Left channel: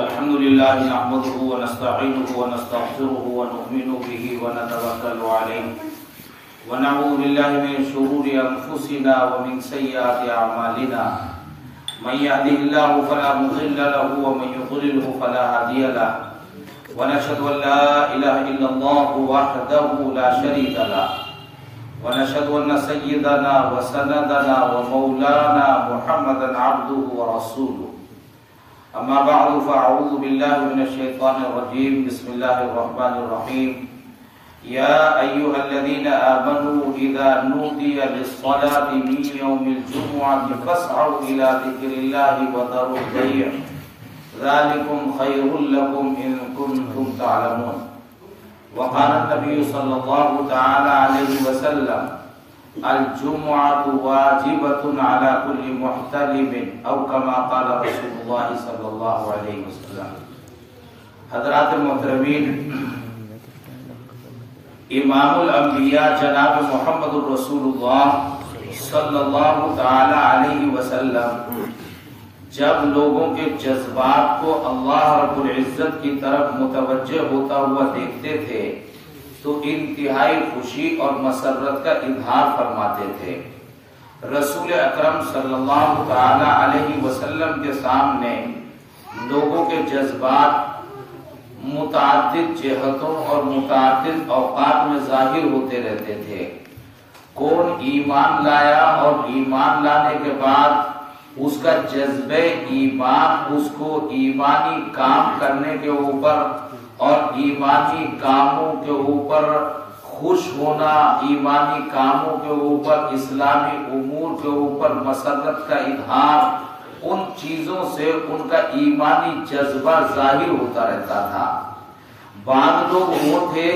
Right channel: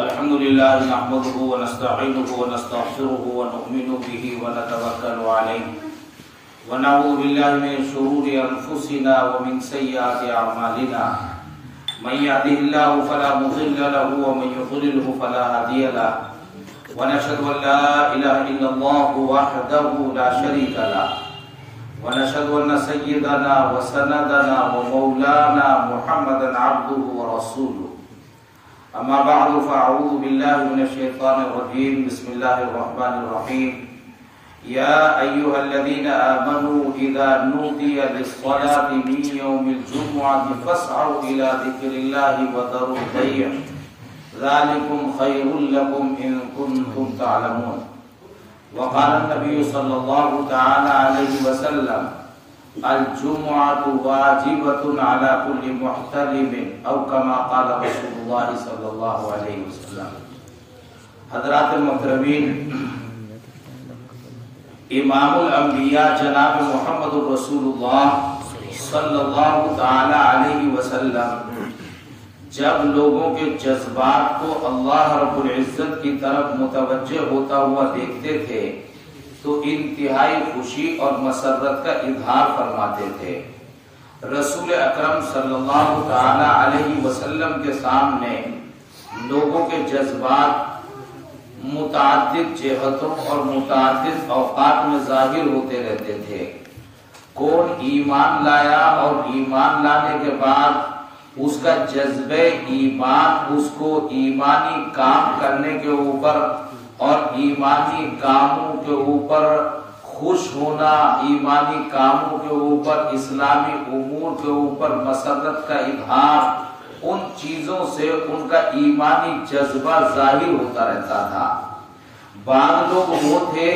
الحمد لله نحمده ونستعينه ونستغفره ونؤمن به ونتوكل عليه ونعوذ بالله من شرور أنفسنا ومن سيئات أعمالنا من يهده الله فلا مضل له ومن يضلله فلا هادي له ونشهد أن لا إله إلا الله وحده لا شريك له ونشهد أن سيدنا وسندنا ومولانا محمدا عبده ورسوله أما بعد فأعوذ بالله من الشيطان الرجيم بسم الله الرحمن الرحيم يا أيها الذين آمنوا إذا نودي للصلاة من يوم الجمعة فاسعوا إلى ذكر الله وذروا البيع ذلكم خير لكم إن كنتم تعلمون وقال النبي صلى الله تعالى عليه وسلم الجمعة واجبة على كل محتلم أو كما قال رسول الله صلى الله عليه وسلم. حضرات المحترمین، امام الانبیاء جناب محمد الرسول اللہ صلی اللہ تعالی علیہ وسلم جب لوگوں کے جذبات کو اللہ رب العزت کی طرف متوجہ ہوتا ہوا دیکھتے تھے تو انتہائی خوشی اور مسرت کا اظہار فرماتے تھے. رسول اکرم صلی اللہ تعالی علیہ وسلم کے سامنے لوگوں کے جذبات متعدد جہتوں اور متعدد اوقات میں ظاہر ہوتے رہتے تھے. کون ایمان لایا اور ایمان لانے کے بعد اس کا جذبہ ایمان اس کو ایمانی کام کرنے کے اوپر اور ایمانی کاموں کے اوپر خوش ہونا، ایمانی کاموں کے اوپر، اسلامی امور کے اوپر مسرت کا اظہار، ان چیزوں سے ان کا ایمانی جذبہ ظاہر ہوتا رہتا تھا. بعض لوگ وہ تھے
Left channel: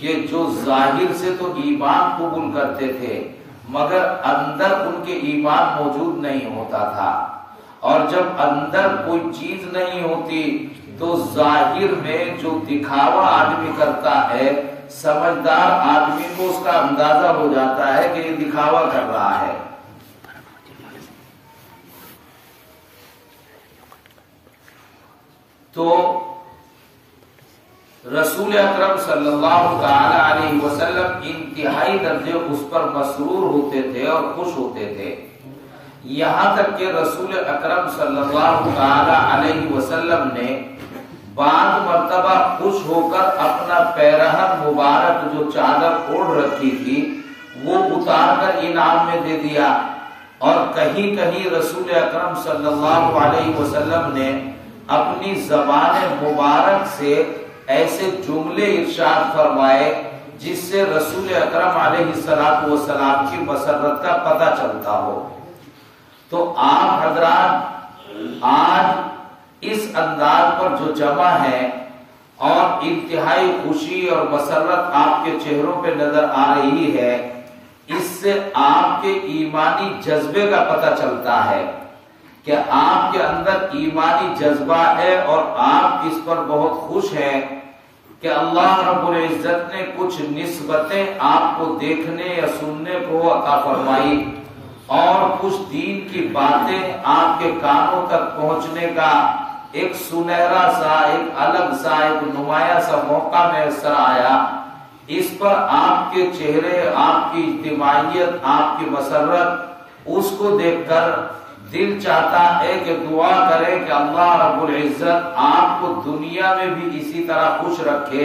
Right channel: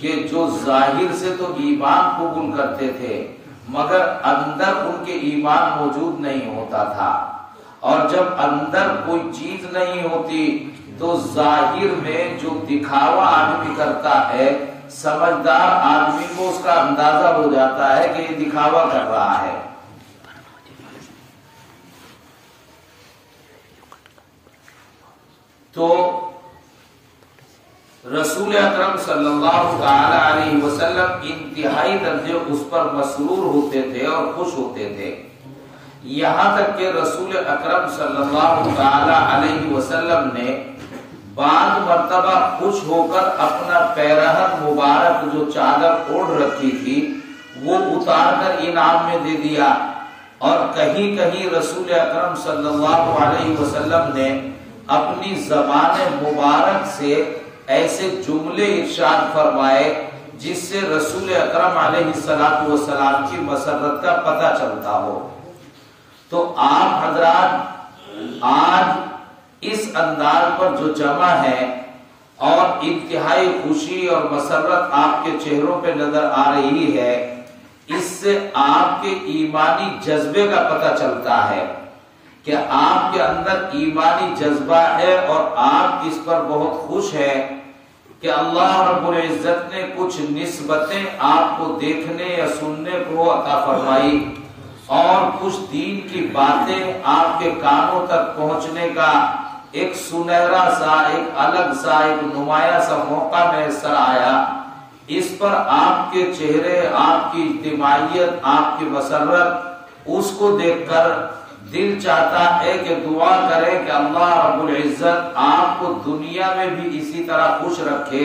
کہ جو ظاہر سے تو ایمان قبول کرتے تھے مگر اندر ان کے ایمان موجود نہیں ہوتا تھا، اور جب اندر کوئی چیز نہیں ہوتی تو ظاہر میں جو دکھاوا آدمی کرتا ہے، سمجھدار آدمی کو اس کا اندازہ ہو جاتا ہے کہ یہ دکھاوا کر رہا ہے. تو رسول اکرم صلی اللہ تعالی علیہ وسلم انتہائی درجے اس پر مسرور ہوتے تھے اور خوش ہوتے تھے، یہاں تک کہ رسول اکرم صلی اللہ تعالی علیہ وسلم نے بعض مرتبہ خوش ہو کر اپنا پیرہن مبارک جو چادر اوڑھ رکھی تھی وہ اتار کر انعام میں دے دیا، اور کہیں کہیں رسول اکرم صلی اللہ علیہ وسلم نے اپنی زبان مبارک سے ایسے جملے ارشاد فرمائے جس سے رسول اکرم علیہ السلام کی مسرت کا پتہ چلتا ہو. تو آپ حضرات آج اس انداز پر جو جمع ہے اور انتہائی خوشی اور مسرت آپ کے چہروں پہ نظر آ رہی ہے، اس سے آپ کے ایمانی جذبے کا پتہ چلتا ہے کہ آپ کے اندر ایمانی جذبہ ہے اور آپ اس پر بہت خوش ہیں کہ اللہ رب العزت نے کچھ نسبتیں آپ کو دیکھنے یا سننے کو عطا فرمائی اور کچھ دین کی باتیں آپ کے کانوں تک پہنچنے کا ایک سنہرا سا، ایک الگ سا، ایک نمایاں سا موقع میسر آیا. اس پر آپ کے چہرے، آپ کی اجتماعیت، آپ کی مسرت، اس کو دیکھ کر دل چاہتا ہے کہ دعا کرے کہ اللہ رب العزت آپ کو دنیا میں بھی اسی طرح خوش رکھے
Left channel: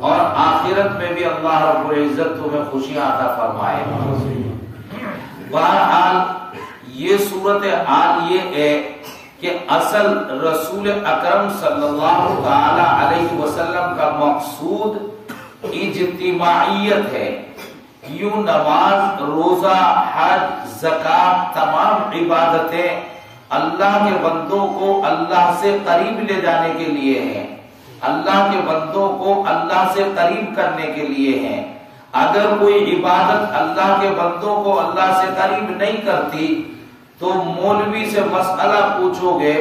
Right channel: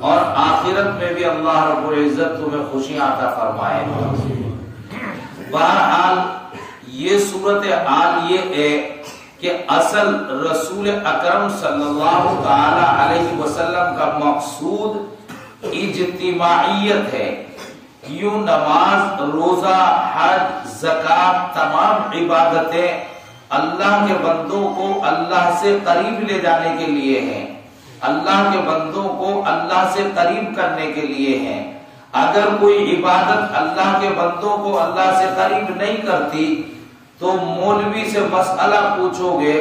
اور آخرت میں بھی اللہ رب العزت تمہیں خوشیاں عطا فرمائے. بہرحال یہ صورتحال یہ ہے کہ اصل رسول اکرم صلی اللہ تعالی علیہ وسلم کا مقصود اجتماعیت ہے. یوں نماز، روزہ، حج، زکات، تمام عبادتیں اللہ کے بندوں کو اللہ سے قریب لے جانے کے لیے ہیں، اللہ کے بندوں کو اللہ سے قریب کرنے کے لیے ہیں. اگر کوئی عبادت اللہ کے بندوں کو اللہ سے قریب نہیں کرتی تو مولوی سے مسئلہ پوچھو گے،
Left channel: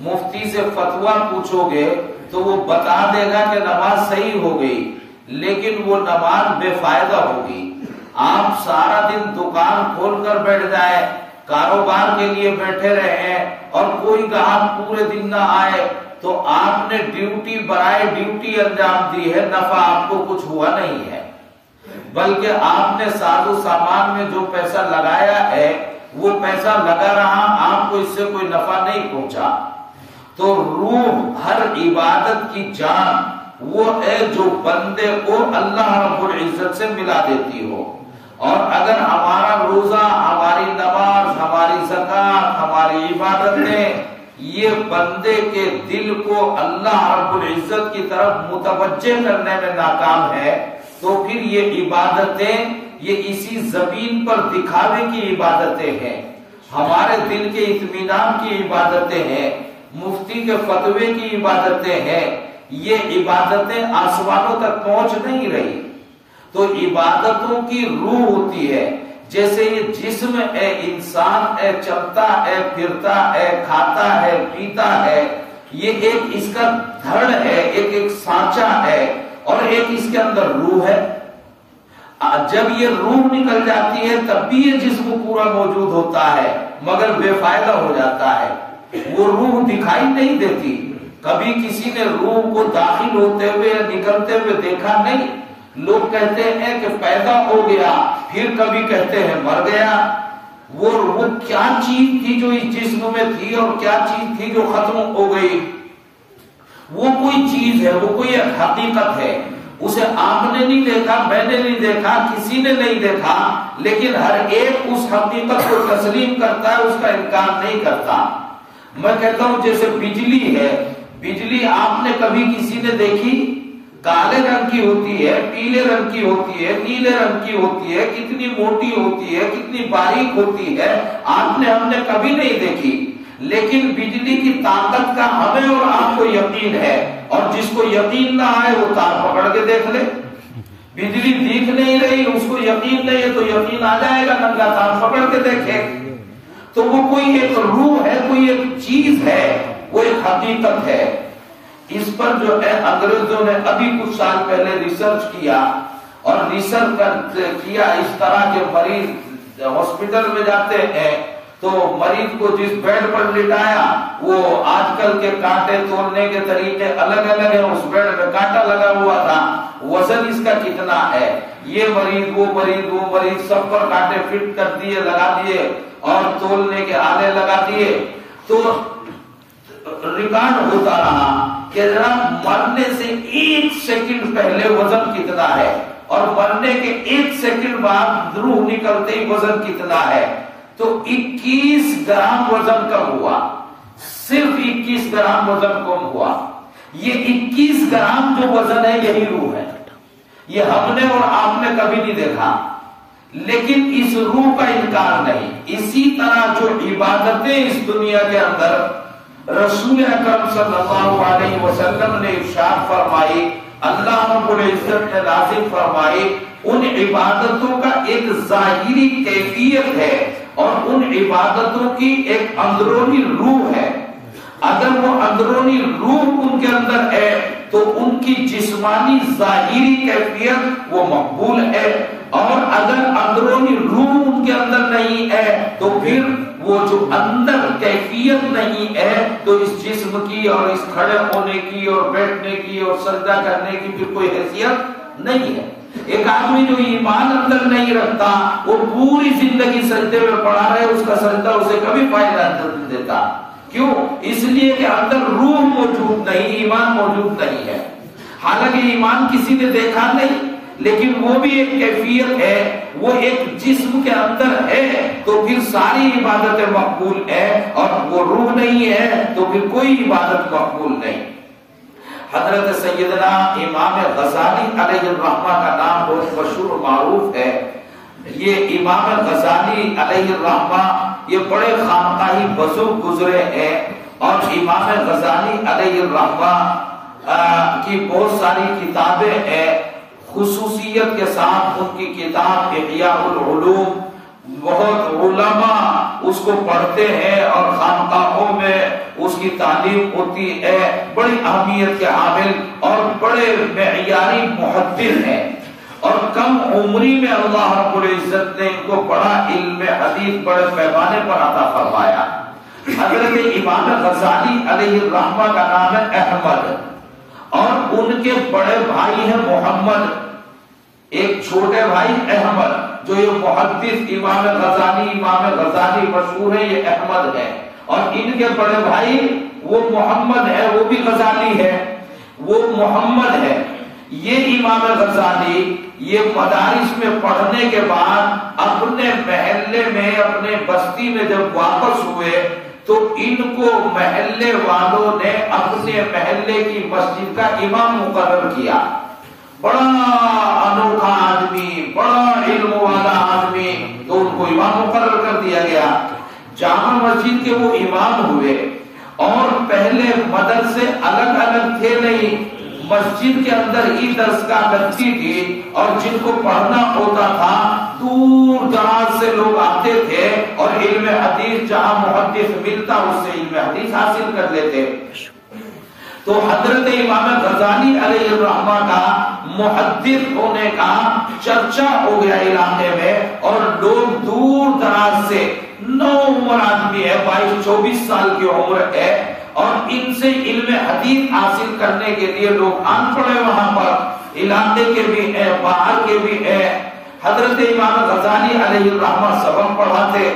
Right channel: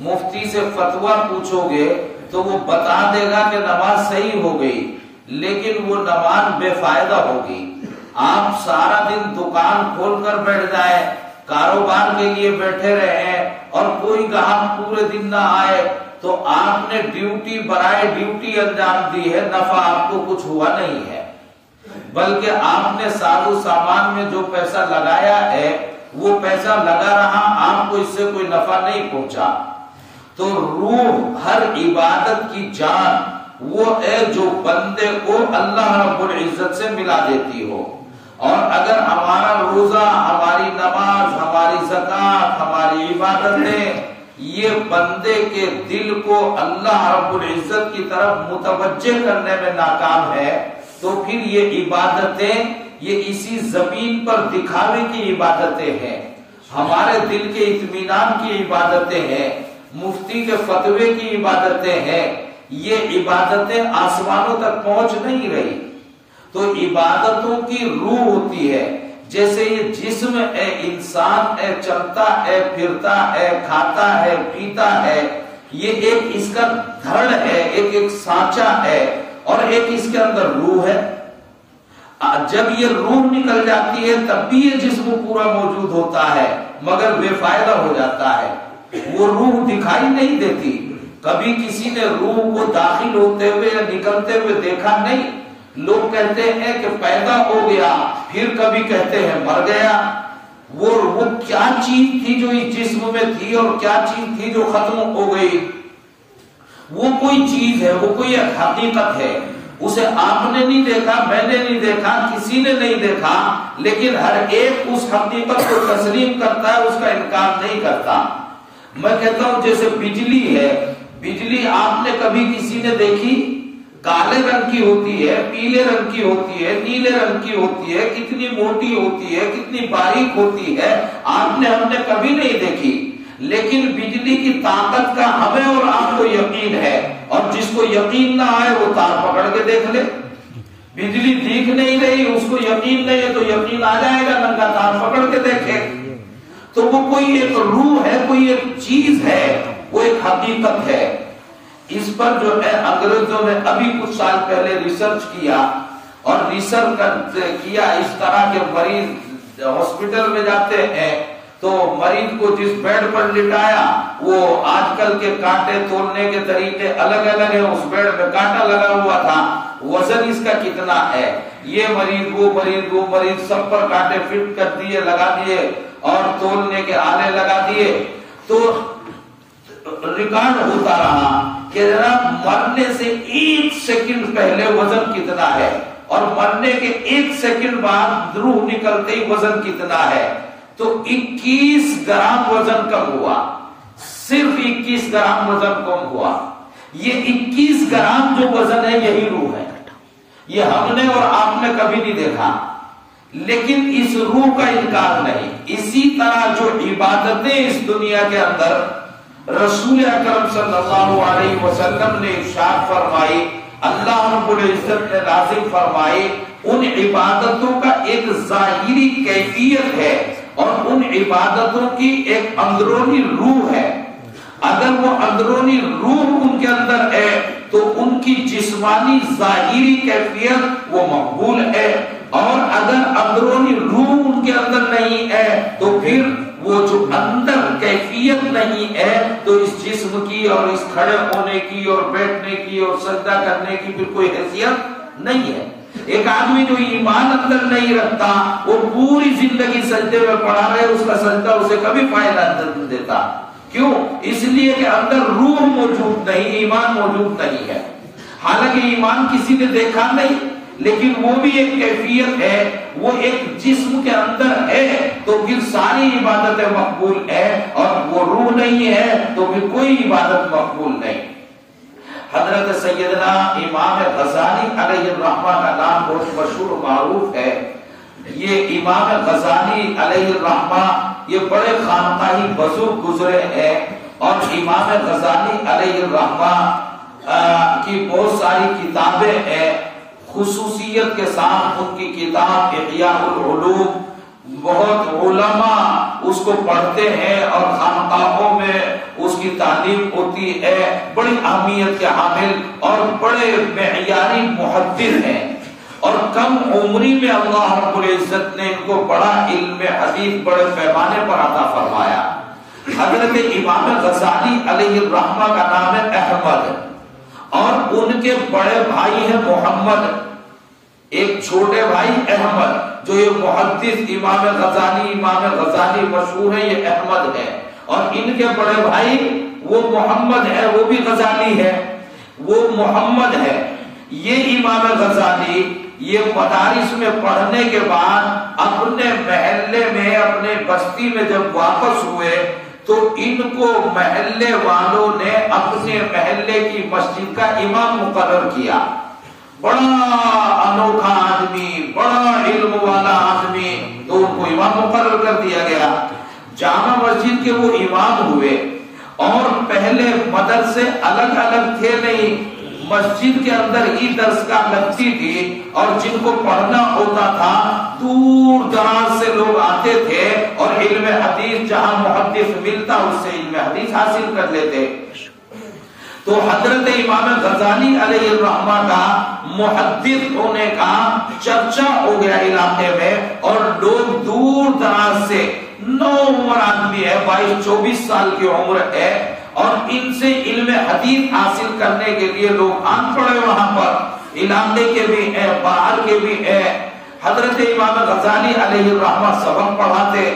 مفتی سے فتویٰ پوچھو گے تو وہ بتا دے گا کہ نماز صحیح ہو گئی، لیکن وہ نماز بے فائدہ ہوگی. آپ سارا دن دکان کھول کر بیٹھ جائیں کاروبار کے لیے بیٹھے رہے اور کوئی گاہک پورے دن نہ آئے تو آپ نے ڈیوٹی برائے ڈیوٹی انجام دی ہے، نفع آپ کو کچھ ہوا نہیں ہے، بلکہ آپ نے ساز و سامان میں جو پیسہ لگایا ہے وہ پیسہ لگا رہا، آپ کو اس سے کوئی نفع نہیں پہنچا۔ تو روح ہر عبادت کی جان وہ ہے جو بندے کو اللہ رب العزت سے ملا دیتی ہو۔ اور اگر ہمارا روزہ، ہماری نماز، ہماری زکوٰۃ، ہماری عبادتیں یہ بندے کے دل کو اللہ رب العزت کی طرف متوجہ کرنے میں ناکام ہے تو پھر یہ عبادتیں یہ اسی زمین پر دکھاوے کی عبادتیں ہیں، ہمارے دل کے اطمینان کی عبادتیں ہیں، مفتی کے فتوے کی عبادتیں ہیں، یہ عبادتیں آسمانوں تک پہنچ نہیں رہی۔ تو عبادتوں کی روح ہوتی ہے، جیسے یہ جسم ہے، انسان ہے، چلتا ہے، پھرتا ہے، کھاتا ہے، پیتا ہے، یہ ایک اس کا دھڑ ہے، ایک سانچہ ہے، اور ایک اس کے اندر روح ہے۔ جب یہ روح نکل جاتی ہے تب بھی یہ جسم پورا موجود ہوتا ہے مگر بے فائدہ ہو جاتا ہے، وہ روح دکھائی نہیں دیتی۔ کبھی کسی نے روح کو داخل ہوتے ہوئے یا نکلتے ہوئے دیکھا نہیں۔ لوگ کہتے ہیں کہ پیدا ہو گیا، پھر کبھی کہتے ہیں مر گیا۔ وہ کیا چیز تھی جو اس جسم میں تھی اور کیا چیز تھی جو ختم ہو گئی؟ وہ کوئی چیز ہے، وہ کوئی ایک حقیقت ہے، اسے آپ نے نہیں دیکھا، میں نے نہیں دیکھا، کسی نے نہیں دیکھا، لیکن ہر ایک اس حقیقت کو تسلیم کرتا ہے، اس کا انکار نہیں کرتا۔ میں کہتا ہوں جیسے بجلی ہے، بجلی آپ نے کبھی کسی نے دیکھی؟ کالے رنگ کی ہوتی ہے، پیلے رنگ کی ہوتی ہے، نیلے رنگ کی ہوتی ہے، کتنی موٹی ہوتی ہے، کتنی باریک ہوتی ہے، آپ نے ہم نے کبھی نہیں دیکھی، لیکن بجلی کی طاقت کا ہمیں اور آپ کو یقین ہے، اور جس کو یقین نہ آئے وہ تار پکڑ کے دیکھ لے۔ بجلی دیکھ نہیں رہی، اس کو یقین نہیں ہے تو یقین آ جائے گا، ننگا تار پکڑ کے دیکھے۔ تو وہ کوئی ایک روح ہے، کوئی ایک چیز ہے، وہ ایک حقیقت ہے۔ اس پر جو ہے انگریزوں نے ابھی کچھ سال پہلے ریسرچ کیا، اور ریسرچ کیا اس طرح کے مریض ہاسپٹل میں جاتے ہیں تو مریض کو جس بیڈ پر لٹایا وہ آج کل کے کانٹے تولنے کے طریقے الگ الگ ہیں، اس بیڈ میں کانٹا لگا ہوا تھا، وزن اس کا کتنا ہے، یہ مریض وہ مریض وہ مریض، سب پر کانٹے فٹ کر دیے، لگا دیے، اور تولنے کے آلے لگا دیے۔ تو ریکارڈ ہوتا رہا کہ مرنے سے 1 سیکنڈ پہلے وزن کتنا ہے، اور مرنے کے 1 سیکنڈ بعد روح نکلتے ہی وزن کتنا ہے۔ تو 21 گرام وزن کم ہوا، صرف 21 گرام وزن کم ہوا۔ یہ 21 گرام جو وزن ہے یہی روح ہے، یہ ہم نے اور آپ نے کبھی نہیں دیکھا، لیکن اس روح کا انکار نہیں۔ اسی طرح جو عبادتیں اس دنیا کے اندر رسول اکرم صلی اللہ علیہ وسلم نے ارشاد فرمائی، اللہ رب العزت نے لازم فرمائی، ان عبادتوں کا ایک ظاہری کیفیت ہے اور ان عبادتوں کی ایک اندرونی روح ہے۔ اگر وہ اندرونی روح ان کے اندر ہے تو ان کی جسمانی ظاہری کیفیت وہ مقبول ہے، اور اگر اندرونی روح ان کے اندر نہیں ہے تو پھر وہ جو اندر کیفیت نہیں ہے تو اس جسم کی اور اس کھڑے ہونے کی اور بیٹھنے کی اور سجدہ کرنے کی پھر کوئی حیثیت نہیں ہے۔ ایک آدمی جو ایمان اندر نہیں رکھتا وہ پوری زندگی سجدے میں پڑا رہے، اس کا سجدہ اسے کبھی فائدہ نہیں دیتا۔ کیوں؟ اس لیے کہ اندر روح موجود نہیں، ایمان موجود نہیں ہے۔ حالانکہ ایمان کسی نے دیکھا نہیں، لیکن وہ بھی ایک کیفیت ہے، وہ ایک جسم کے اندر ہے، تو پھر ساری عبادتیں مقبول ہے، اور وہ روح نہیں ہے تو پھر کوئی عبادت مقبول نہیں۔ حضرت سیدنا امام غزالی علیہ الرحمہ کا نام بہت مشہور و معروف ہے۔ یہ امام غزالی علیہ الرحمہ یہ بڑے خانقاہی بزرگ گزرے ہیں، اور امام غزالی علیہ الرحمہ کی بہت ساری کتابیں ہیں۔ خصوصیت کے ساتھ ان کی کتاب احیاء العلوم بہت علماء اس کو پڑھتے ہیں اور خانقاہوں میں اس کی تعلیم ہوتی ہے، بڑی اہمیت کے حامل اور بڑے معیاری محدث ہیں۔ اور کم عمری میں اللہ رب العزت نے ان کو بڑا علم حدیث بڑے پیمانے پر عطا فرمایا۔ حضرت امام غزالی علیہ الرحمہ کا نام ہے احمد، اور ان کے بڑے بھائی ہیں محمد، ایک چھوٹے بھائی احمد، جو یہ محدث امام غزالی مشہور ہے، یہ احمد ہے، اور ان کے بڑے بھائی وہ محمد ہے، وہ بھی غزالی ہے، وہ محمد ہے۔ یہ امام غزالی یہ مدارس میں پڑھنے کے بعد اپنے محلے میں، اپنے بستی میں جب واپس ہوئے تو ان کو محلے والوں نے اپنے محلے کی مسجد کا امام مقرر کیا۔ بڑا انوکھا آدمی، بڑا علم والا آدمی، تو ان کو امام مقرر کر دیا گیا۔ جامع مسجد کے وہ امام ہوئے، اور پہلے مدرسے الگ الگ تھے نہیں، مسجد کے اندر ہی درسگاہ لگتی تھی، اور جن کو پڑھنا ہوتا تھا دور دراز سے لوگ آتے تھے، اور علم حدیث جہاں محدث ملتا اس سے علم حدیث حاصل کر لیتے۔ تو حضرت امام غزالی علیہ الرحمہ کا محدث ہونے کا چرچا ہو گیا علاقے میں، اور لوگ دور دراز سے، نو عمر آدمی ہے، 22-24 سال کی عمر ہے، اور ان سے علم حدیث حاصل کرنے کے لیے لوگ آن پڑے وہاں پر، علاقے کے بھی ہیں، باہر کے بھی ہیں۔ حضرت امام غزالی علیہ الرحمہ سبق پڑھاتے،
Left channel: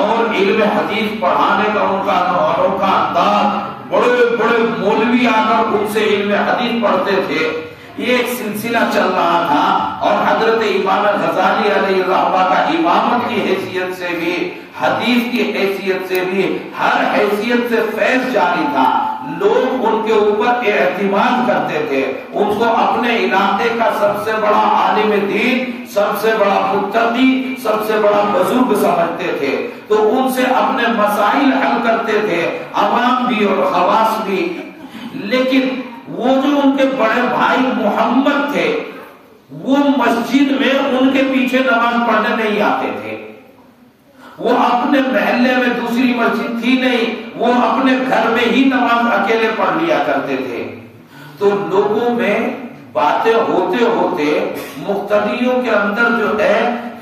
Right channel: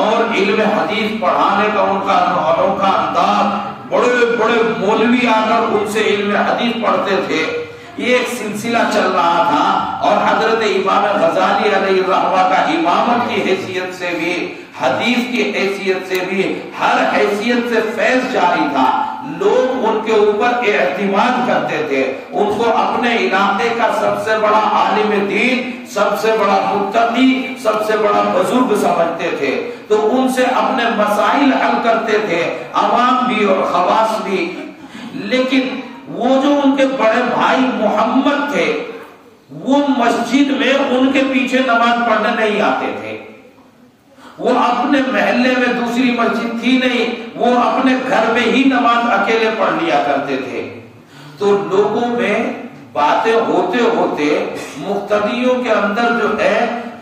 اور علم حدیث پڑھانے کا ان کا انوکھا انداز، بڑے بڑے مولوی آ کر ان سے علم حدیث پڑھتے تھے۔ یہ ایک سلسلہ چل رہا تھا، اور حضرت امام غزالی علیہ الرحمہ کا امامت کی حیثیت سے بھی، حدیث کی حیثیت سے بھی، ہر حیثیت سے فیض جاری تھا۔ لوگ ان کے اوپر اعتماد کرتے تھے، ان کو اپنے علاقے کا سب سے بڑا عالم دین، سب سے بڑا متقی، سب سے بڑا بزرگ سمجھتے تھے، تو ان سے اپنے مسائل حل کرتے تھے، عوام بھی اور خواص بھی۔ لیکن وہ جو ان کے بڑے بھائی محمد تھے، وہ مسجد میں ان کے پیچھے نماز پڑھنے نہیں آتے تھے۔ وہ اپنے محلے میں دوسری مسجد تھی نہیں، وہ اپنے گھر میں ہی نماز اکیلے پڑھ لیا کرتے تھے۔ تو لوگوں میں باتیں ہوتے ہوتے مقتدیوں کے اندر جو ہے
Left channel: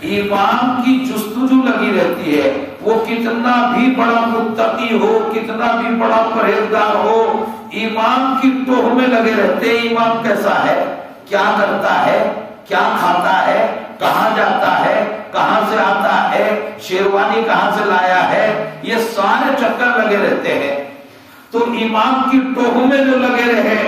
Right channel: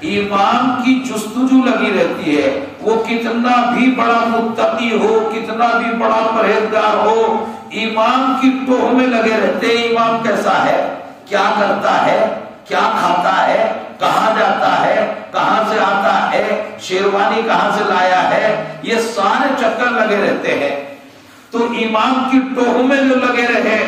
امام کی جستجو لگی رہتی ہے، وہ کتنا بھی بڑا متقی ہو، کتنا بھی بڑا پرہیزگار ہو، امام کی ٹوہ میں لگے رہتے، امام کیسا ہے، کیا کرتا ہے، کیا کھاتا ہے، کہاں جاتا ہے، کہاں سے آتا ہے، شیروانی کہاں سے لایا ہے، یہ سارے چکر لگے رہتے ہیں۔ تو امام کی ٹوہ میں جو لگے رہے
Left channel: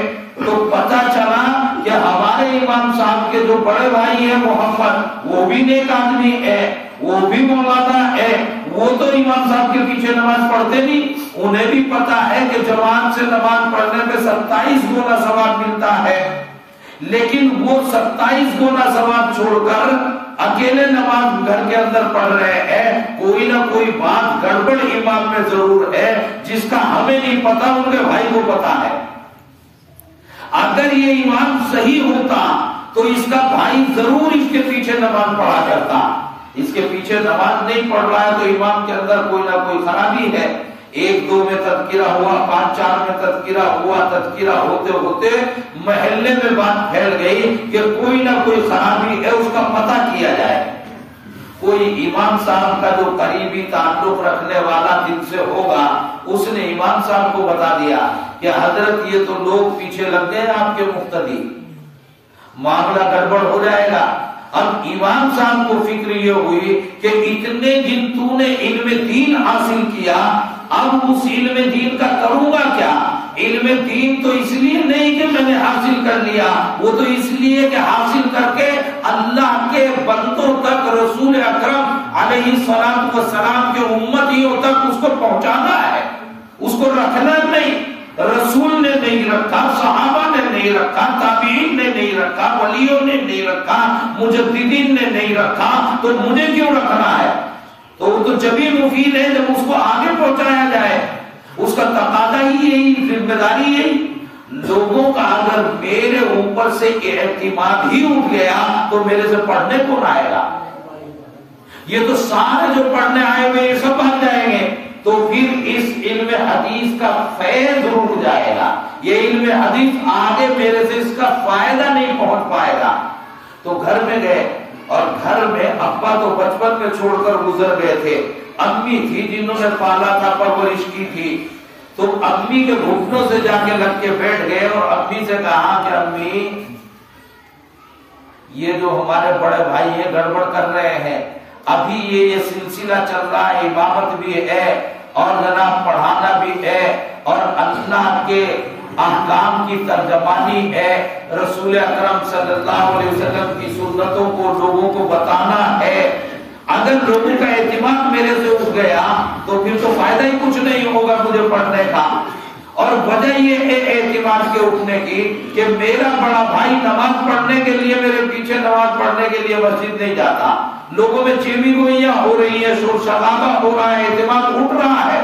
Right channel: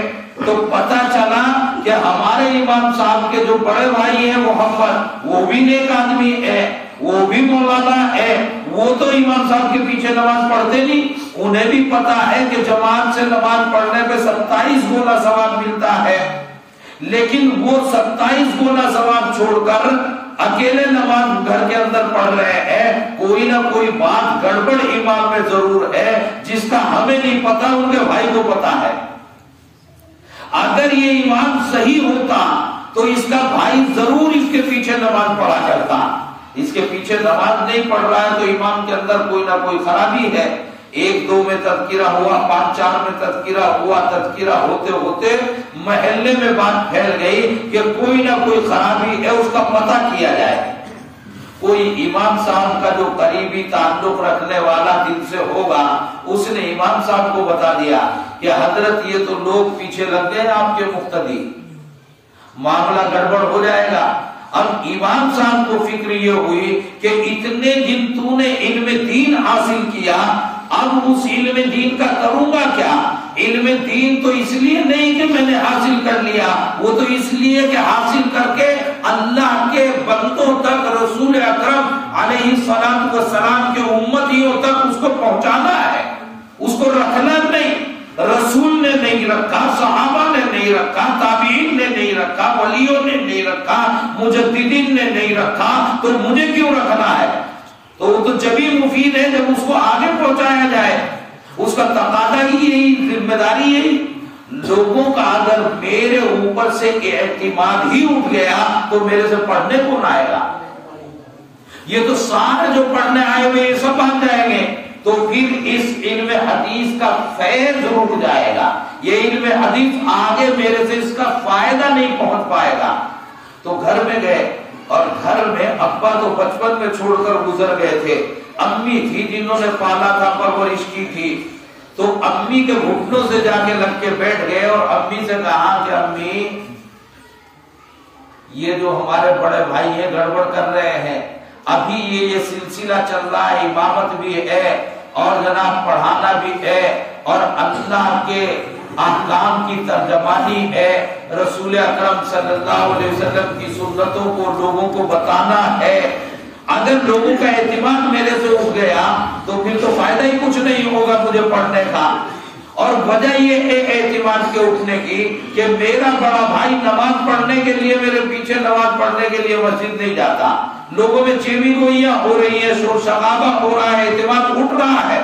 تو پتا چلا کہ ہمارے امام صاحب کے جو بڑے بھائی ہیں محمد، وہ بھی نیک آدمی ہے، وہ بھی مولانا ہے، وہ تو امام صاحب کے پیچھے نماز پڑھتے نہیں، انہیں بھی پتا ہے کہ جماعت سے نماز پڑھنے پہ 27 گنا ثواب ملتا ہے، لیکن وہ 27 گنا ثواب چھوڑ کر اکیلے نماز گھر کے اندر پڑھ رہے ہیں۔ کوئی نہ کوئی بات گڑبڑ امام میں ضرور ہے، جس کا ہمیں نہیں پتا، ان کے بھائی کو پتا ہے۔ اگر یہ امام صحیح ہوتا تو اس کا بھائی ضرور اس کے پیچھے نماز پڑھا کرتا، اس کے پیچھے نماز نہیں پڑھ رہا ہے تو امام کے اندر کوئی نہ کوئی خرابی ہے۔ 1-2 میں تذکرہ ہوا، 5-4 میں تذکرہ ہوا، تذکرہ ہوتے ہوتے محلے میں بات پھیل گئی کہ کوئی نہ کوئی خرابی ہے، اس کا پتہ کیا جائے۔ کوئی امام صاحب کا جو قریبی تعلق رکھنے والا دل سے ہوگا، اس نے امام صاحب کو بتا دیا کہ حضرت یہ تو لوگ پیچھے لگ گئے آپ کے مقتدی، معاملہ گڑبڑ ہو جائے گا۔ اب امام صاحب کو فکر یہ ہوئی کہ اتنے دن تو نے علم دین حاصل کیا، اب اس علم دین کا کروں گا کیا؟ علم دین تو اس لیے نہیں کہ میں نے حاصل کر لیا، وہ تو اس لیے کہ حاصل کر کے اللہ کے بندوں تک، رسول اکرم علیہ السلام کے امتیوں تک اس کو پہنچانا ہے، اس کو رکھنا نہیں۔ رسول نے نہیں رکھا، صحابہ نے نہیں رکھا، تابعین نے نہیں رکھا، ولیوں نے نہیں رکھا، مجددین نے نہیں رکھا، تو مجھے کیوں رکھنا ہے؟ تو وہ تو جبھی مفید ہے جب اس کو آگے پہنچایا جائے، اس کا تقاضا ہی یہی، ذمہ داری یہی۔ لوگوں کا اگر میرے اوپر سے اعتماد ہی اٹھ گیا تو میرے سے پڑھنے کون آئے گا؟ یہ تو سارے جو پڑھنے آئے ہوئے یہ سب بھاگ جائیں گے، تو پھر اس علم حدیث کا فیض رک جائے گا، یہ علم حدیث آگے میرے سے اس کا فائدہ نہیں پہنچ پائے گا۔ تو گھر میں گئے اور گھر میں ابا تو بچپن میں چھوڑ کر گزر گئے تھے، امی تھی جنہوں نے پالا تھا، پرورش کی تھی، تو امی کے گھٹنوں سے جا کے لگ کے بیٹھ گئے اور امی سے کہا کہ امی یہ جو ہمارے بڑے بھائی ہیں گڑبڑ کر رہے ہیں، ابھی یہ سلسلہ چل رہا ہے، امامت بھی ہے اور جناب پڑھانا بھی ہے اور اللہ کے احکام کی ترجمانی ہے، رسول اکرم صلی اللہ علیہ وسلم کی سنتوں کو لوگوں کو بتانا ہے، اگر لوگوں کا اعتماد میرے سے اٹھ گیا تو پھر تو فائدہ ہی کچھ نہیں ہوگا مجھے پڑھنے کا۔ اور وجہ یہ ہے اعتماد کے اٹھنے کی کہ میرا بڑا بھائی نماز پڑھنے کے لیے میرے پیچھے نماز پڑھنے کے لیے مسجد نہیں جاتا، لوگوں میں چیوی گوئیاں ہو رہی ہیں، شور شرابہ ہو رہا ہے، اعتماد اٹھ رہا ہے۔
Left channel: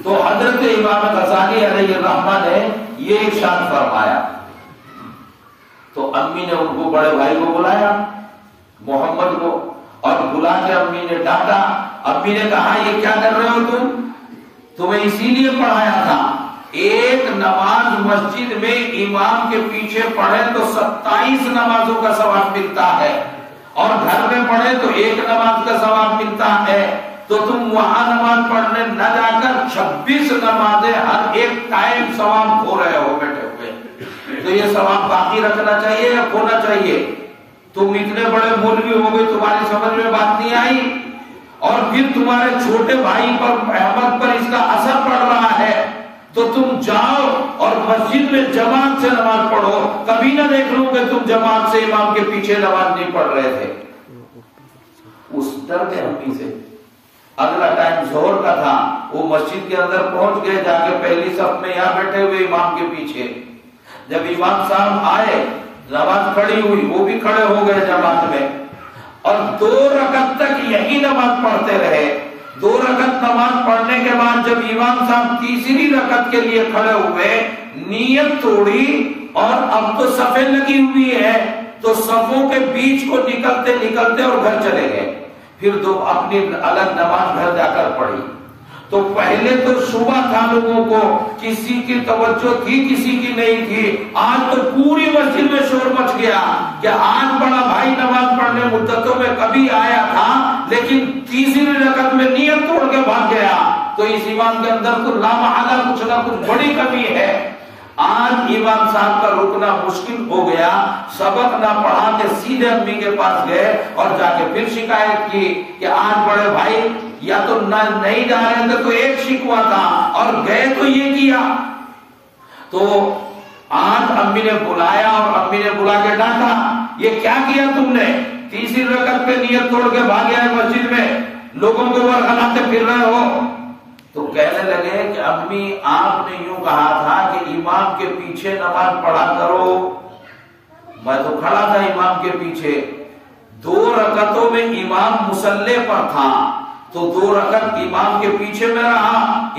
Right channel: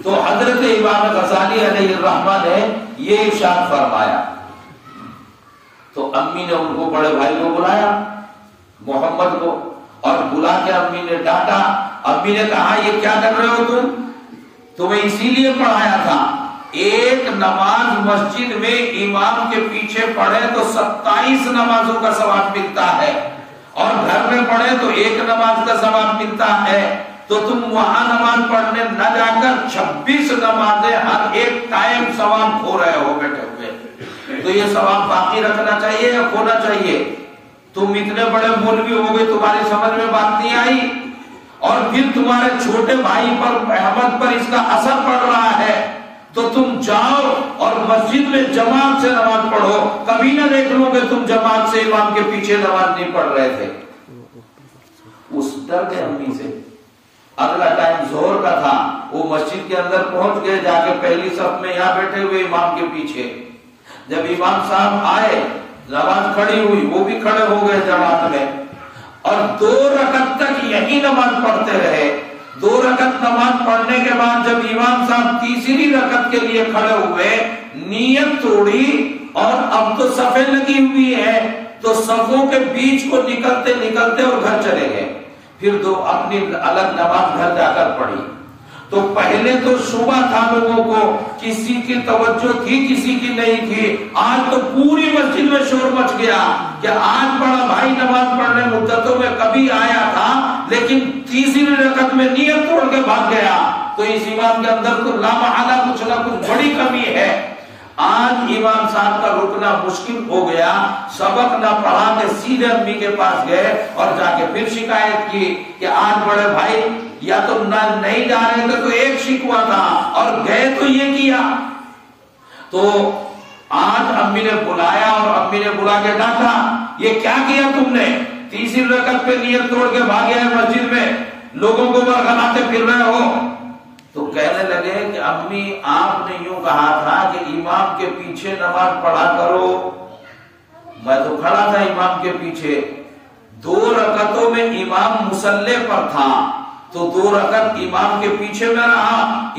تو حضرت امام غزالی علیہ الرحمہ نے یہ ارشاد فرمایا، تو امی نے ان کو بڑے بھائی کو بلایا محمد کو، اور بلا کے امی نے ڈانٹا، امی نے کہا یہ کیا کر رہے ہو تمہیں اسی لیے پڑھایا تھا، ایک نماز مسجد میں امام کے پیچھے پڑھے تو 27 نمازوں کا ثواب ملتا ہے، اور گھر میں پڑھے تو ایک نماز کا ثواب ملتا ہے، تو تم وہاں نماز پڑھنے نہ جا کر 26 نمازیں ہر ایک ٹائم ثواب کھو رہے ہو بیٹھے ہوئے، تو یہ ثواب باقی رکھنا چاہیے یا کھونا چاہیے؟ تم اتنے بڑے مولوی ہو گئے، تمہاری سمجھ میں بات نہیں آئی، اور پھر تمہارے چھوٹے بھائی پر احمد پر اس کا اثر پڑ رہا ہے، تو تم جاؤ اور مسجد میں جماعت سے نماز پڑھو، کبھی نہ دیکھ لو کہ تم جماعت سے امام کے پیچھے نماز نہیں پڑھ رہے تھے۔ اس ڈر کے امی سے اگلا ٹائم ظہر کا تھا، وہ مسجد کے اندر پہنچ گئے، جا کے پہلی صف میں یہاں بیٹھے ہوئے امام کے پیچھے، جب امام صاحب آئے نماز کھڑی ہوئی، وہ بھی کھڑے ہو گئے جماعت میں، اور 2 رکعت تک یہی نماز پڑھتے رہے۔ 2 رکعت نماز پڑھنے کے بعد جب امام صاحب تیسری رکعت کے لیے کھڑے ہوئے، نیت توڑی، اور اب تو صفیں لگی ہوئی ہیں، تو صفوں کے بیچ کو نکلتے نکلتے اور گھر چلے گئے، پھر 2 اپنی الگ نماز گھر جا کر پڑھی۔ تو پہلے تو شبہ تھا لوگوں کو، کسی کی توجہ تھی کسی کی نہیں تھی، آج تو پوری مسجد میں شور مچ گیا کہ آج بڑا بھائی نماز پڑھنے مدتوں میں کبھی آیا تھا، لیکن تیسری رکعت میں نیت توڑ کے بھاگ گیا، تو اس امام کے اندر تو لامحالہ کچھ نہ کچھ بڑی کمی ہے۔ آج امام صاحب کا رکنا مشکل ہو گیا، سبق نہ پڑھا کے سیدھے امی کے پاس گئے اور جا کے پھر شکایت کی کہ آج بڑے بھائی یا تو نہیں جا رہے تھے تو ایک شکوہ تھا، اور گئے تو یہ کیا۔ تو آج امی نے بلایا اور امی نے بلا کے ڈانٹا، یہ کیا کیا تم نے؟ تیسری رکعت پہ نیت توڑ کے بھاگے ہیں مسجد میں، لوگوں کو ورغلاتے پھر رہے ہو۔ تو کہنے لگے کہ امی آپ نے یوں کہا تھا کہ امام کے پیچھے نماز پڑھا کرو، میں تو کھڑا تھا امام کے پیچھے، 2 رکعتوں میں امام مصلی پر تھا، تو 2 رکعت امام کے پیچھے میں رہا،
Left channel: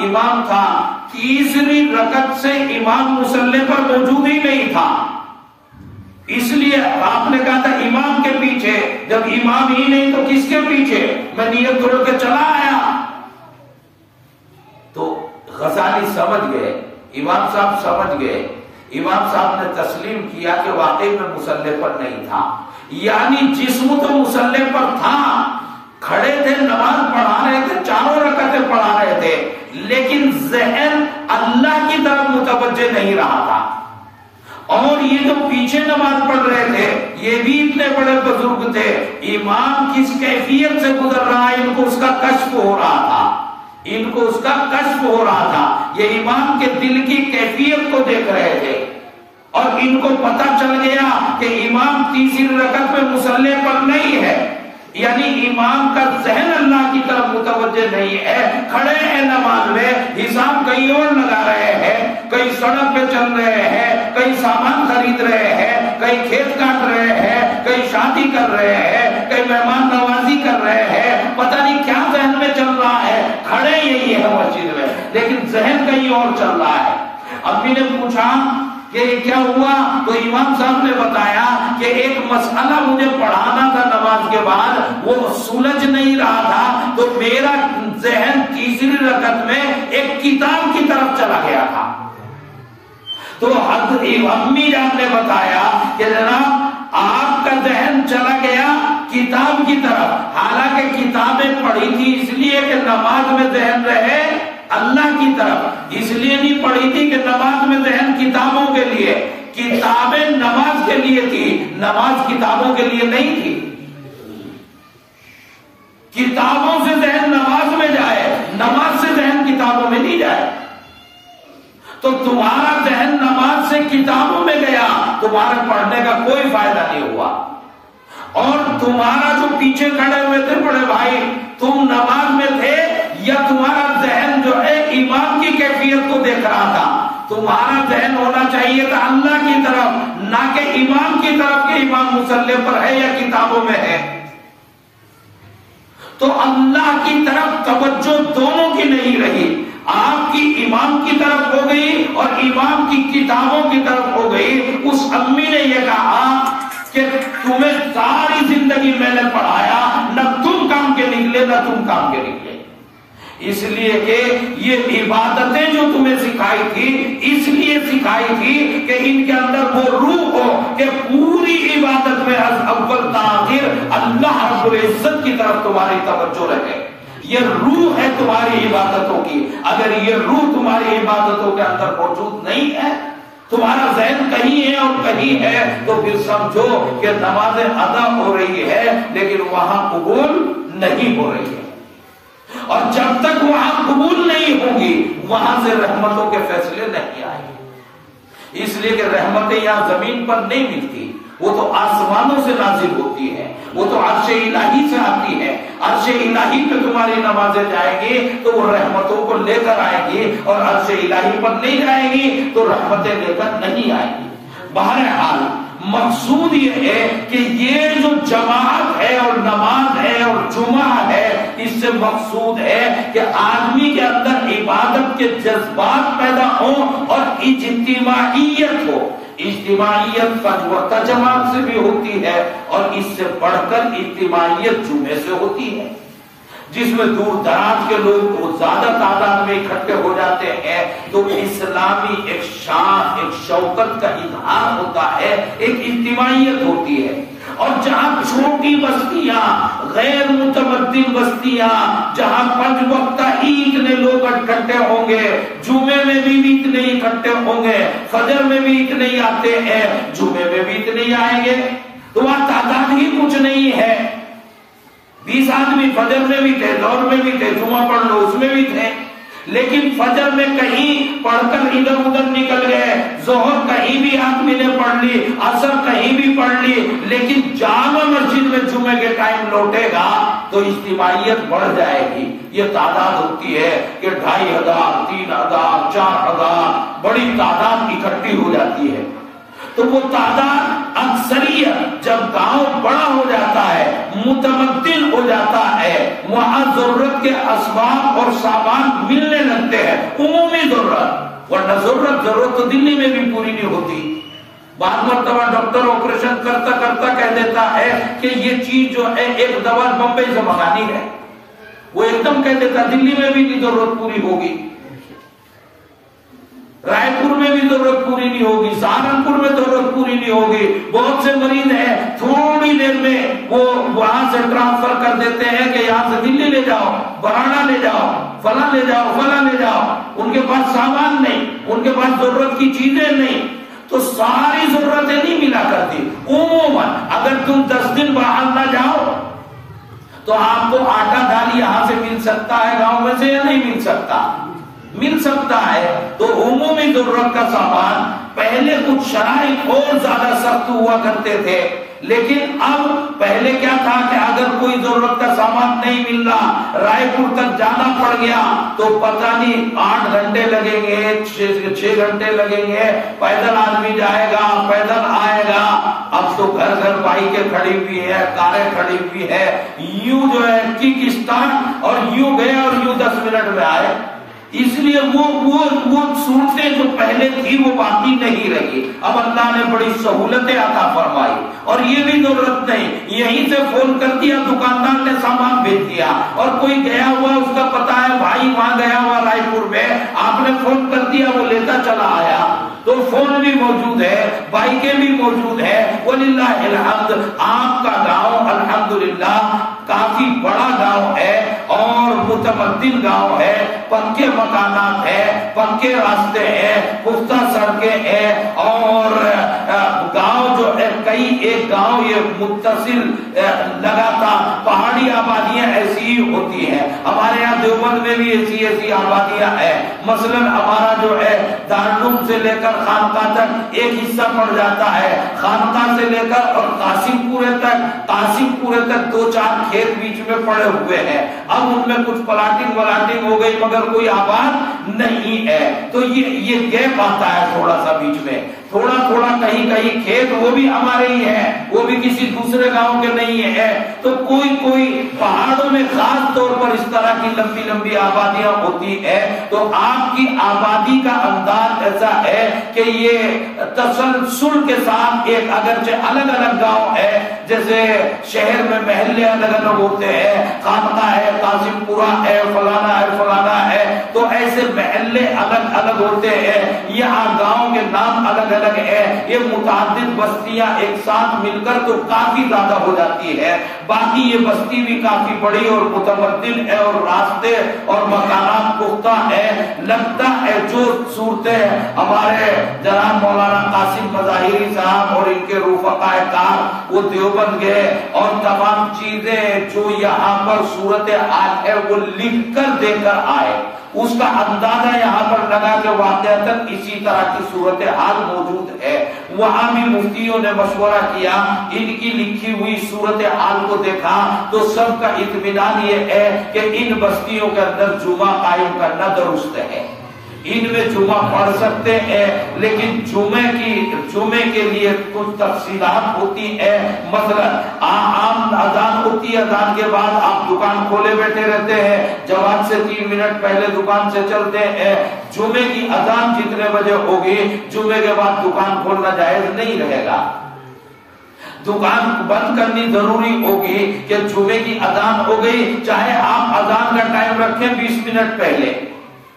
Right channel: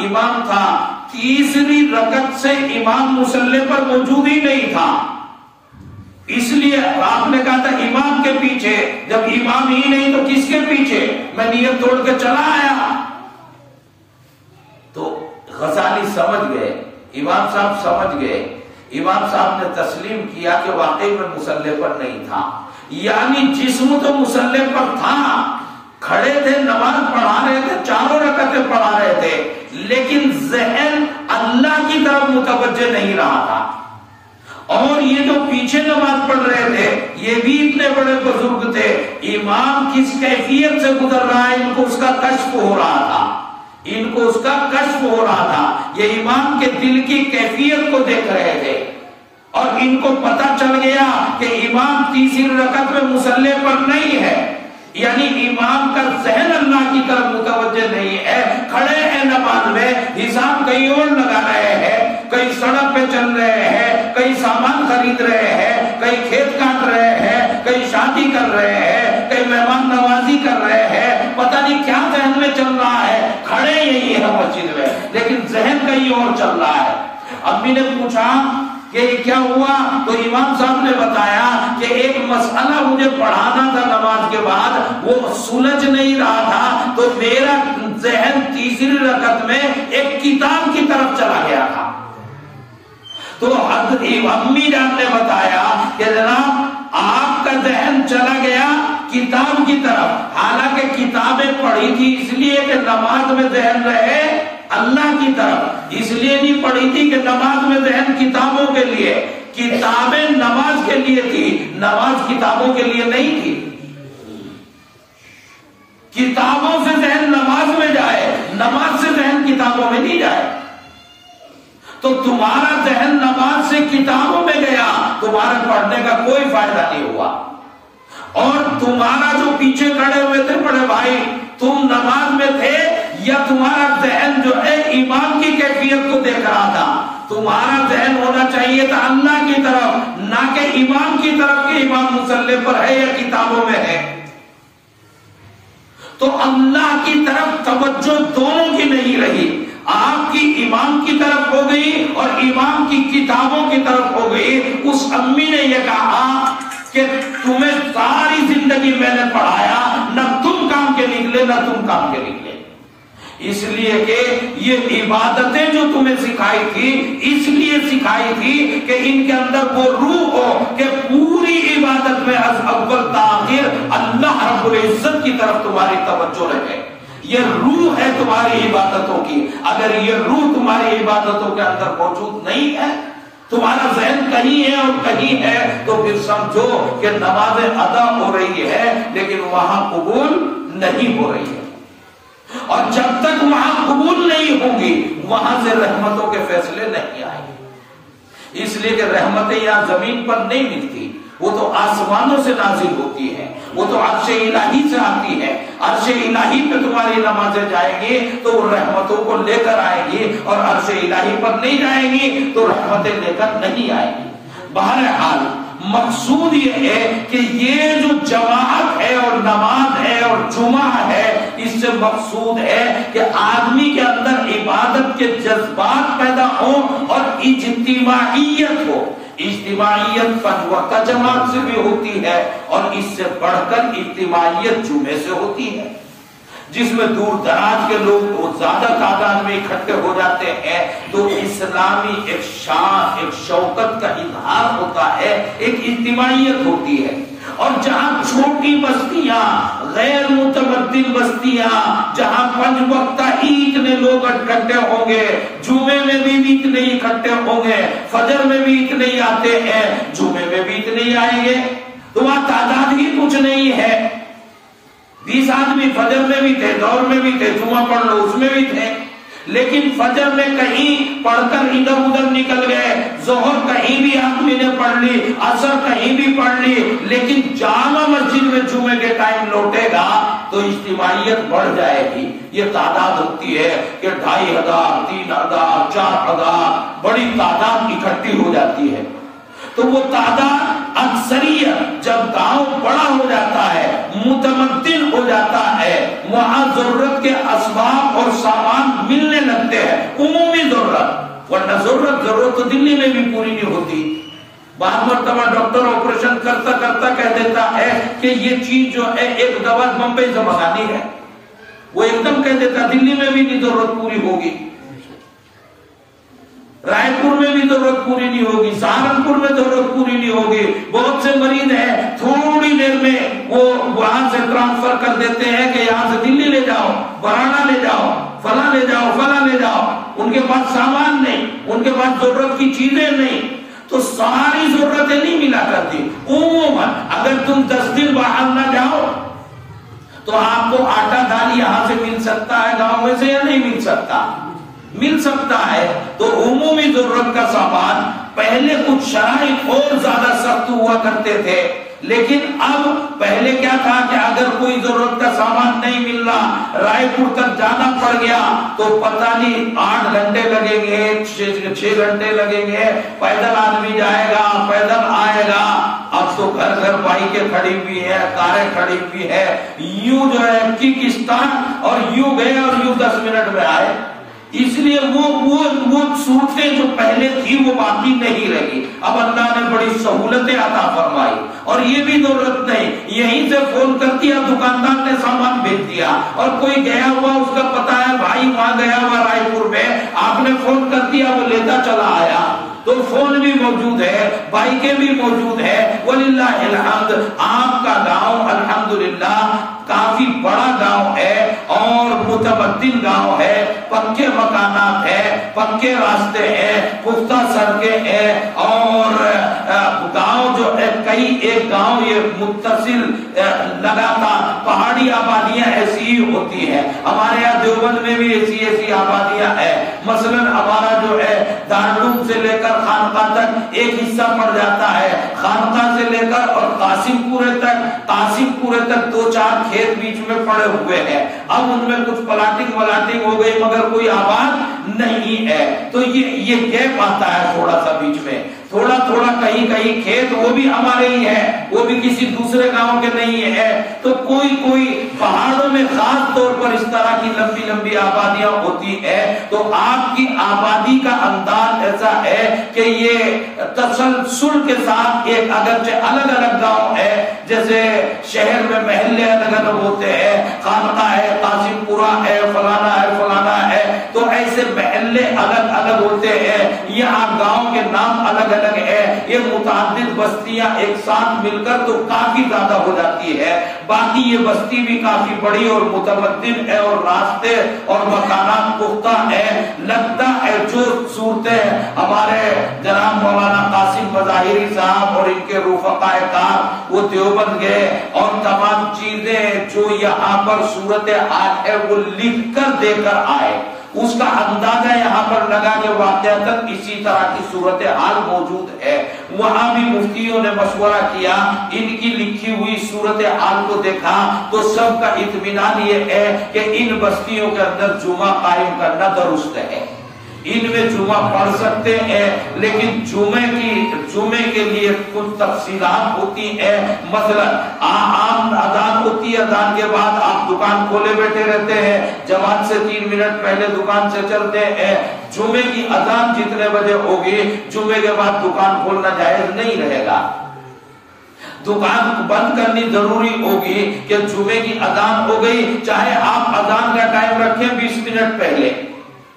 امام تھا، تیسری رکعت سے امام مصلی پر موجود ہی نہیں تھا، اس لیے آپ نے کہا تھا امام کے پیچھے، جب امام ہی نہیں تو کس کے پیچھے؟ میں نیت توڑ کے چلا آیا۔ تو غزالی سمجھ گئے، امام صاحب سمجھ گئے، امام صاحب نے تسلیم کیا کہ واقعی میں مصلی پر نہیں تھا، یعنی جسم تو مصلی پر تھا، کھڑے تھے، نماز پڑھا رہے تھے، 4 رکعتیں پڑھا رہے تھے، لیکن ذہن اللہ کی طرف متوجہ نہیں رہا تھا۔ اور یہ جو پیچھے نماز پڑھ رہے تھے یہ بھی اتنے بڑے بزرگ تھے، امام کس کیفیت سے گزر رہا ہے ان کو اس کا کشف ہو رہا تھا، ان کو اس کا کشف ہو رہا تھا، یہ امام کے دل کی کیفیت کو دیکھ رہے تھے، اور ان کو پتہ چل گیا کہ امام تیسری رکعت میں مصلی پر نہیں ہے، یعنی امام کا ذہن اللہ کی طرف متوجہ نہیں ہے، کھڑے ہیں نماز میں، حساب کہیں اور لگا رہے ہیں، کہیں سڑک پہ چل رہے ہیں، کہیں سامان خرید رہے ہیں، کہیں کھیت کاٹ رہے ہیں، کہیں شادی کر رہے ہیں، کہیں مہمان نوازی کر رہے ہیں، پتہ نہیں کیا ذہن میں چل رہا ہے، کھڑے یہی ہے مسجد میں لیکن ذہن کہیں اور چل رہا ہے۔ امی نے پوچھا کہ یہ کیا ہوا؟ تو امام صاحب نے بتایا کہ ایک مسئلہ مجھے پڑھانا تھا نماز کے بعد، وہ سلجھ نہیں رہا تھا، تو میرا ذہن تیسری رکعت میں ایک کتاب کی طرف چلا گیا تھا۔ تو امی جان نے بتایا کہ جناب آپ کا ذہن چلا گیا کتاب کی طرف، حالانکہ کتابیں پڑھی تھی اس لیے کہ نماز میں ذہن رہے اللہ کی طرف، اس لیے نہیں پڑھی تھی کہ نماز میں ذہن کتابوں کے لیے۔ کتابیں نماز کے لیے تھی، نماز کتابوں کے لیے نہیں تھی۔ کتابوں سے ذہن نماز میں جائے، نماز سے ذہن کتابوں میں نہیں جائے۔ تو تمہارا ذہن نماز سے کتابوں میں گیا، تمہارے پڑھنے کا کوئی فائدہ نہیں ہوا۔ اور تمہارا جو پیچھے کھڑے ہوئے تھے بڑے بھائی، تم نماز میں تھے یا تمہارا ذہن جو ہے امام کی کیفیت کو دیکھ رہا تھا؟ تمہارا ذہن ہونا چاہیے تھا اللہ کی طرف، نہ کہ امام کی طرف کہ امام مصلی پر ہے یا کتابوں میں ہے۔ تو اللہ کی طرف توجہ دونوں کی نہیں رہی، آپ کی امام کی طرف ہو گئی اور امام کی کتابوں کی طرف ہو گئی۔ اس امی نے یہ کہا کہ تمہیں ساری زندگی میں نے پڑھایا، نہ تم کام کے نکلے نہ تم کام کے نکلے، اس لیے کہ یہ عبادتیں جو تمہیں سکھائی تھی اس لیے سکھائی تھی کہ ان کے اندر وہ روح ہو کہ پوری عبادت میں از اول تا آخر اللہ رب العزت کی طرف تمہاری توجہ رہے۔ یہ روح ہے تمہاری عبادتوں کی، اگر یہ روح تمہاری عبادتوں کے اندر موجود نہیں ہے، تمہارا ذہن کہیں ہے اور کہیں ہے، تو پھر سمجھو کہ نمازیں ادا ہو رہی ہے لیکن وہاں قبول نہیں ہو رہی ہے، اور جب تک وہاں قبول نہیں ہوگی وہاں سے رحمتوں کے فیصلے نہیں آئیں گے۔ اس لیے کہ رحمتیں یہاں زمین پر نہیں ملتی، وہ تو آسمانوں سے نازل ہوتی ہے، وہ تو عرش الہی سے آتی ہے۔ عرش الہی پہ تمہاری نمازیں جائیں گی تو وہ رحمتوں کو لے کر آئیں گی، اور عرش الہی پر نہیں جائیں گی تو رحمتیں لے کر نہیں آئیں گی۔ بہرحال مقصود یہ ہے کہ یہ جو جماعت ہے اور نماز ہے اور جمعہ ہے، اس سے مقصود ہے کہ آدمی کے اندر عبادت کے جذبات پیدا ہوں اور اجتماعیت ہو۔ اجتماعیت پنج وقتہ جماعت سے بھی ہوتی ہے، اور اس سے بڑھ کر اجتماعیت جمعے سے ہوتی ہے، جس میں دور دراز کے لوگ زیادہ تعداد میں اکٹھے ہو جاتے ہیں، تو اسلامی ایک شان، ایک شوکت کا اظہار ہوتا ہے، ایک اجتماعیت ہوتی ہے۔ اور جہاں چھوٹی بستیاں، غیر متمدن بستیاں، جہاں پنج وقتہ اتنے لوگ اکٹھے ہوں گے، جمعے میں بھی اتنے اکٹھے ہوں گے، فجر میں بھی اتنے ہی آتے ہیں، جمعے میں بھی اتنے ہی آئیں گے، تو وہاں تعداد ہی کچھ نہیں ہے۔ 20 آدمی فجر میں بھی تھے، دور میں بھی تھے، جمعہ پڑھ لو اس میں بھی تھے، لیکن فجر میں کہیں پڑھ کر ادھر ادھر نکل گئے، ظہر کہیں بھی آدمی نے پڑھ لی، عصر کہیں بھی پڑھ لی، لیکن جامع مسجد میں جمعے کے ٹائم لوٹے گا تو اجتماعیت بڑھ جائے گی۔ یہ تعداد ہوتی ہے کہ 2500، 3000، 4000، بڑی تعداد اکٹھی ہو جاتی ہے۔ تو وہ تعداد اکثریت جب گاؤں بڑا ہو جاتا ہے، متمدن ہو جاتا ہے، وہاں ضرورت کے اسباب اور سامان ملنے لگتے ہیں، عمومی ضرورت، ورنہ ضرورت تو دلی میں بھی پوری نہیں ہوتی۔ بعض مرتبہ ڈاکٹر آپریشن کرتا کرتا کہہ دیتا ہے کہ یہ چیز جو ہے ایک دوا بمبئی سے منگانی ہے، وہ ایک دم کہہ دیتا دلی میں بھی نہیں ضرورت پوری ہوگی، رائے پور میں بھی ضرورت پوری نہیں ہوگی، سہارنپور میں ضرورت پوری نہیں ہوگی۔ بہت سے مریض ہیں تھوڑی دیر میں وہ وہاں سے ٹرانسفر کر دیتے ہیں کہ یہاں سے دلی لے جاؤ، برانا لے جاؤ، فلاں لے جاؤ، فلاں لے جاؤ، ان کے پاس سامان نہیں، ان کے پاس ضرورت کی چیزیں نہیں، تو ساری ضرورتیں نہیں ملا کرتی۔ عموماً اگر تم 10 دن باہر نہ جاؤ تو آپ کو آٹا دال یہاں سے مل سکتا ہے گاؤں میں سے یا نہیں مل سکتا؟ مل سکتا ہے۔ تو عمومی ضرورت کا سامان پہلے کچھ شرائط اور زیادہ سخت ہوا کرتے تھے، لیکن اب پہلے کیا تھا کہ اگر کوئی ضرورت کا سامان نہیں مل رہا، رائے پور تک جانا پڑ گیا تو پتہ نہیں 8 گھنٹے لگیں گے، 6 گھنٹے لگیں گے، پیدل آدمی جائے گا، پیدل آئے گا۔ اب تو گھر گھر بائکیں کھڑی ہوئی ہے، کاریں کھڑی ہوئی ہے، یوں جو ہے ککستان اور یوں گئے اور یوں 10 منٹ میں آئے۔ اس لیے وہ صورتیں جو پہلے تھی وہ باقی نہیں رہی. اب اللہ نے بڑی سہولتیں عطا فرمائی. اور یہ بھی ضرورت نہیں, یہیں سے فون کر دیا, دکاندار نے سامان بھیج دیا, اور کوئی گیا ہوا اس کا پتا ہے بھائی وہاں گیا ہوا رائے پور میں, آپ نے فون کر دیا وہ لیتا چلا آیا. تو فون بھی موجود ہے, بائکیں بھی موجود ہے. وللہ الحمد. آپ کا گاؤں الحمدللہ کافی بڑا گاؤں ہے اور متمدن گاؤں ہے, پکے مکانات ہے, پکے راستے ہیں, پختہ سڑکیں ہیں, اور گاؤں جو ہے کئی ایک گاؤں یہ متصل لگاتار پہاڑی آبادیاں ایسی ہی ہوتی ہیں. ہمارے یہاں دیوبند میں بھی ایسی آبادیاں ہیں. مثلا ہمارا جو ہے دارالعلوم سے لے کر خانقاہ تک ایک حصہ پڑ جاتا ہے, خانقاہ سے لے کر اور قاسم پورے تک 2-4 کھیت بیچ میں پڑے ہوئے ہیں. اب ان میں کچھ پلاٹنگ ہو گئی مگر کوئی آباد نہیں ہے. تو یہ گیپ آتا ہے تھوڑا سا بیچ میں, تھوڑا کہیں کھیت وہ بھی ہمارے ہی ہیں, وہ بھی کسی دوسرے گاؤں کے نہیں ہے. تو کوئی پہاڑوں میں خاص طور پر اس طرح کی لمبی آبادیاں ہوتی ہے. تو آپ کی آبادی کا انداز ایسا ہے کہ یہ تسلسل کے ساتھ ایک اگرچہ الگ گاؤں ہے, جیسے شہر میں محلے الگ ہوتے ہیں, خانقاہ ہے, قاسم پورہ ہے, فلانا ہے, تو ایسے محلے الگ ہوتے ہیں. یہاں گاؤں کے نام الگ ہے. یہ متعدد بستیاں ایک ساتھ مل کر تو کافی زیادہ ہو جاتی ہے. باقی یہ بستی بھی کافی بڑی اور متمدن ہے, اور راستے اور مکانات پختہ ہیں. لگتا ہے جو صورتیں ہمارے جناب مولانا قاسم مظاہری صاحب اور ان کے رفقائے کار وہ دیوبند گئے, اور تمام چیزیں جو یہاں پر صورتحال ہے وہ لکھ کر دے کر آئے, اس کا اندازہ یہاں پر لگا کہ واقعتاً اسی طرح کی صورتحال موجود ہے. وہاں بھی مفتیوں نے مشورہ کیا, ان کی لکھی ہوئی صورتحال کو دیکھا تو سب کا اطمینان یہ ہے کہ ان بستیوں کے اندر جمعہ قائم کرنا درست ہے. ان میں جمعہ پڑھ سکتے ہیں, لیکن جمعے کے لیے کچھ تفصیلات ہوتی ہیں. مثلا عام اذان ہوتی ہے, اذان کے بعد آپ دکان کھولے بیٹھے رہتے ہیں, جماعت سے 3 منٹ پہلے دکان سے چلتے ہیں. جمعے کی اذان جتنے بجے ہوگی, جمعے کے بعد دکان کھولنا جائز نہیں رہے گا. دکان بند کرنی ضروری ہوگی کہ جمعے کی اذان ہو گئی, چاہے آپ اذان کا ٹائم رکھیں 20 منٹ پہلے,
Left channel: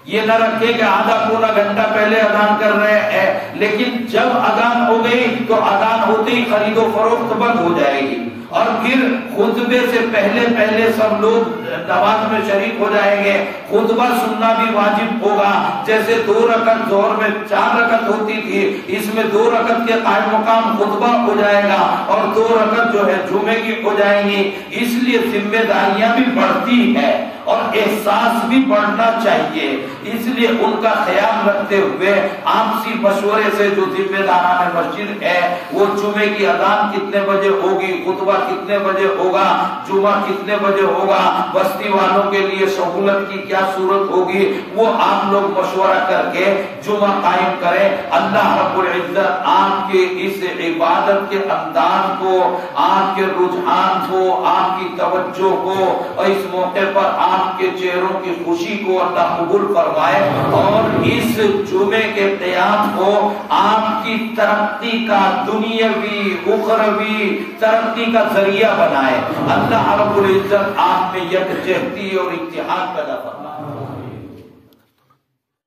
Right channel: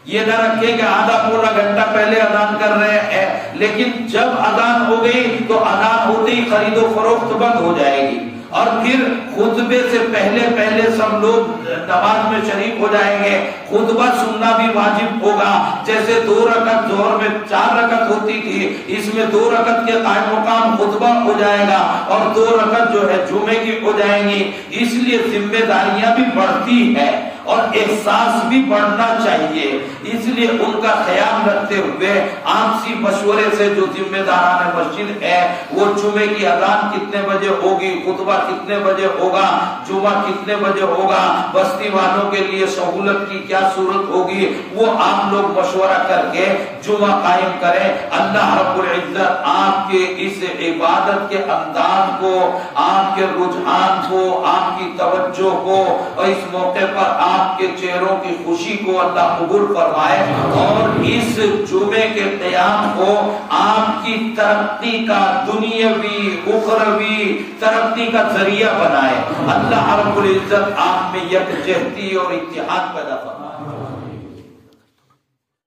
یہ نہ رکھے کہ آدھا پورا گھنٹہ پہلے اذان کر رہے ہیں. لیکن جب اذان ہو گئی تو اذان ہوتے ہی خرید و فروخت بند ہو جائے گی, اور پھر خطبے سے پہلے سب لوگ نماز میں شریک ہو جائیں گے. خطبہ سننا بھی واجب ہوگا. جیسے 2 رکعت ظہر میں 4 رکعت ہوتی تھی, اس میں 2 رکعت کے قائم مقام خطبہ ہو جائے گا, اور 2 رکعت جو ہے جمعے کی ہو جائیں گی. اس لیے ذمہ داریاں بھی بڑھتی ہیں اور احساس بھی بڑھنا چاہیے. اس لیے ان کا خیال رکھتے ہوئے آپسی مشورے سے جو ذمہ داران مسجد ہے وہ جمعے کی اذان کتنے بجے ہوگی, خطبہ کتنے بجے ہوگا, جمعہ کتنے بجے ہوگا, بستی والوں کے لیے سہولت کی کیا صورت ہوگی, وہ آپ لوگ مشورہ کر کے جمعہ قائم کریں. اللہ رب العزت آپ کے اس عبادت کے انداز کو, آپ کے رجحان کو, آپ کی توجہ کو, اور اس موقع پر آپ کے چہروں کی خوشی کو اللہ قبول فرمائے, اور اس جمعے کے قیام کو آپ کی ترقی کا, دنیاوی اخروی ترقی کا ذریعہ بنائے. اللہ رب العزت آپ میں یکجہتی اور اتحاد پیدا فرمائے.